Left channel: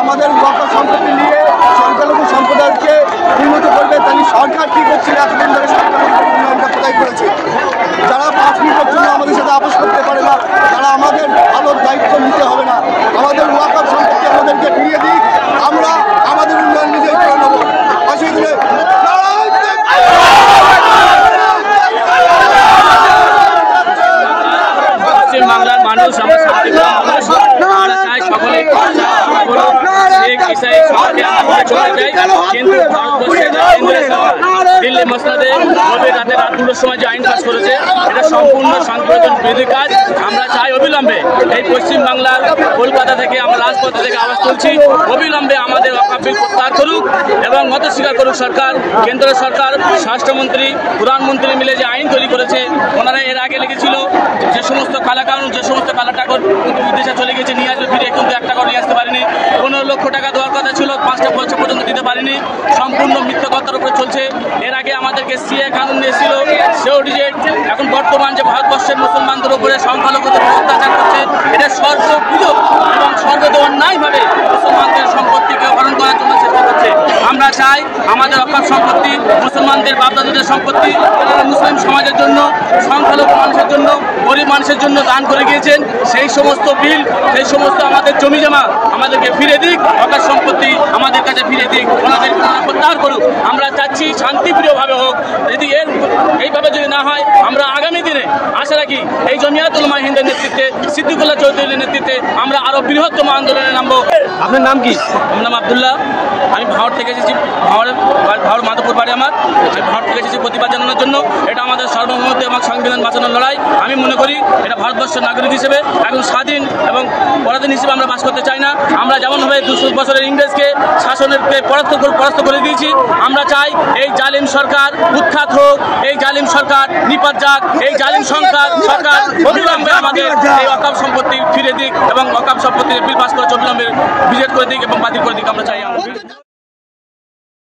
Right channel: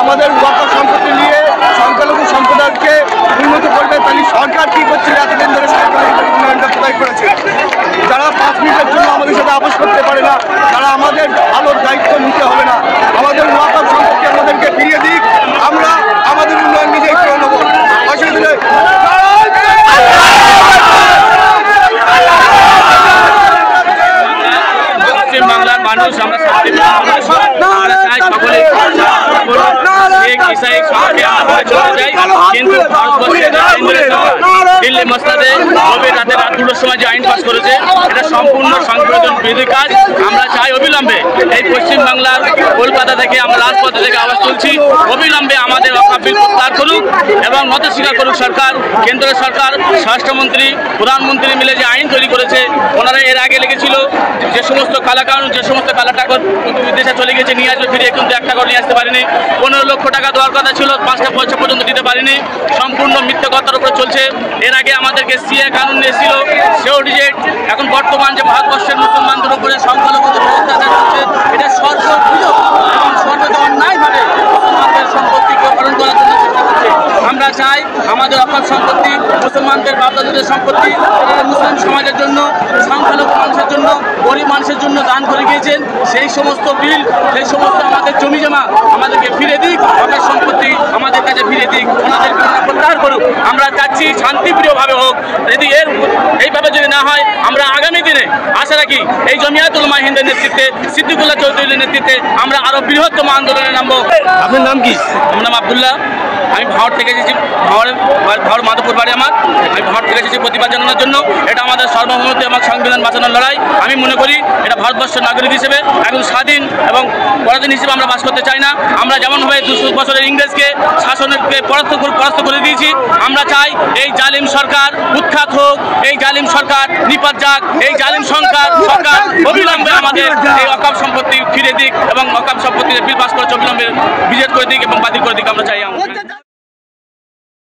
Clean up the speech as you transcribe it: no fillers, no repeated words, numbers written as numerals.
আমাদের ওয়াকফ সম্পত্তি নিয়ে সংখ্যালঘু সম্প্রদায়কে উন্নত করবে, তাই সরকার কি করছে এতদিন ধরে সংখ্যালঘুদের উন্নয়নটা কোথায় করেছে? যারা 5 মিনিটের জন্য আমাদের সাথে আপোষ করতে পারে না, তারা আমাদের ভালোর দায়িত্ব নিতে হবে না। আমাদের ওয়াকফ সম্পত্তি আমাদেরকে ফিরিয়ে দিক, আমরা আমাদের উন্নয়ন নিজেই করে নেবো। অসুবিধা নেই। পশ্চিম বাংলার মানুষ আমরা আমরা চাই সকলে কিন্তু ভারতবর্ষের কেন্দ্রীয় সরকার দিল্লি মসনাদে গভীর রাতে রাত 2টার সময় যে আইন পাস করেছে, এটা সম্পূর্ণ সংশোধন বিরোধী কাজ। আমরা চাই অবিলম্বে এই পশ্চিমবাংলার কলকাতা থেকে আমরা রাজপথে থেকে আওয়াজ তুলছি, অবিলম্বে আমাদের ওয়াকফ বিল প্রত্যাহার করুক এবং মত স্বীকার করুক সরকার। কেন্দ্রীয় সরকার, স্বরাষ্ট্রমন্ত্রী, প্রধানমন্ত্রী মিলে যে আইন তৈরি করেছে, ওনারা এর আগে লিখেছিল যে সমস্ত কালাকানুন, যে সমস্ত কালা টাকা বিদেশে চলে গেছে নিয়ে আসবে ফিরে, কিন্তু 1 টাকাও নিয়ে আসতে পারেনি। 15 লক্ষ টাকা দেওয়ার কথা ছিল, 5টা পয়সা পর্যন্ত দিতে পারেনি। সম্পূর্ণ মিথ্যে কথার উপরে চলছে। এর আগে আমাদেরকে সিএ কানুন নিয়েছিল, সেও রিজেক্ট। এখন বর্তমান যে ভারতবর্ষের মুসলমানদের উপরে সংখ্যালঘুদের অত্যাচার করছে, এটা সর্ববিধ এবং সর্বত অন্যায়ভাবে মুসলমানদের সম্পত্তিকে হরণ করার জন্য চেষ্টা করছে। আমরা চাই আমাদের ওয়াকফ সম্পত্তি মুসলমানদের বাপদাদাদের সম্পত্তি, যারা মুসলিম সমাজের জন্য, সংখ্যালঘু মানুষের জন্য, গরিব মানুষের জন্য দান করে গিয়েছেন, সেই সমস্ত বিল, সেই সমস্ত আমাদের জমি জমা আমাদেরকে ফিরে দিক, ওয়াকফ সম্পত্তি আমাদের কাছে ফিরে দিক, ওনাদের প্রত্যাহার করুক। আমরা চাচ্ছি শান্তিপ্রিয়ভাবে হোক। যদি এইভাবে যদি না হয়, আমরা আগামী দিনে আশা রাখি এই জমিয়াতুল উলামা হিন্দের নেতৃত্বে, সিদ্দিকুল্লাহ চৌধুরীর নেতৃত্বে আমরা আরও বৃহত্তম আন্দোলনে নামবো। আপনার নাম কি? আমার নাম আবদুল্লাহ। আমি ভাওয়ার থেকে এসেছি, ভাওয়ার মাধবপুর বাড়ি আমার। আমি ভাওয়ার থেকে এসেছি প্রতিবাদ জানানোর জন্য। এটা আমাদের সার্বভৌমত্ব এবং সংবিধান বাঁচানোর লড়াই। আমি মনে করি এটা ভারতবর্ষের নাগরিক হিসেবে একজন স্বাধীন এবং পরাধীন হিসেবে আমরা বাস করতে চাই না। আমরা যেমনভাবে 200 বছরের ইংরেজকে শাসনকে পরাস্ত করে দিয়েছি, আমরা চাই এই জালিম সরকার উৎখাত হোক, এই জালিম সরকার নিপাত যাক, এই জালিম সরকার অবিলম্বে আমাদের এই ওয়াকফ সম্পত্তি ফিরে দিক এবং ওয়াকফ সম্পত্তির বিল পাস করে অবিলম্বে বিজেট করে দিক এবং বাতিল করে দিক আমরা চাই।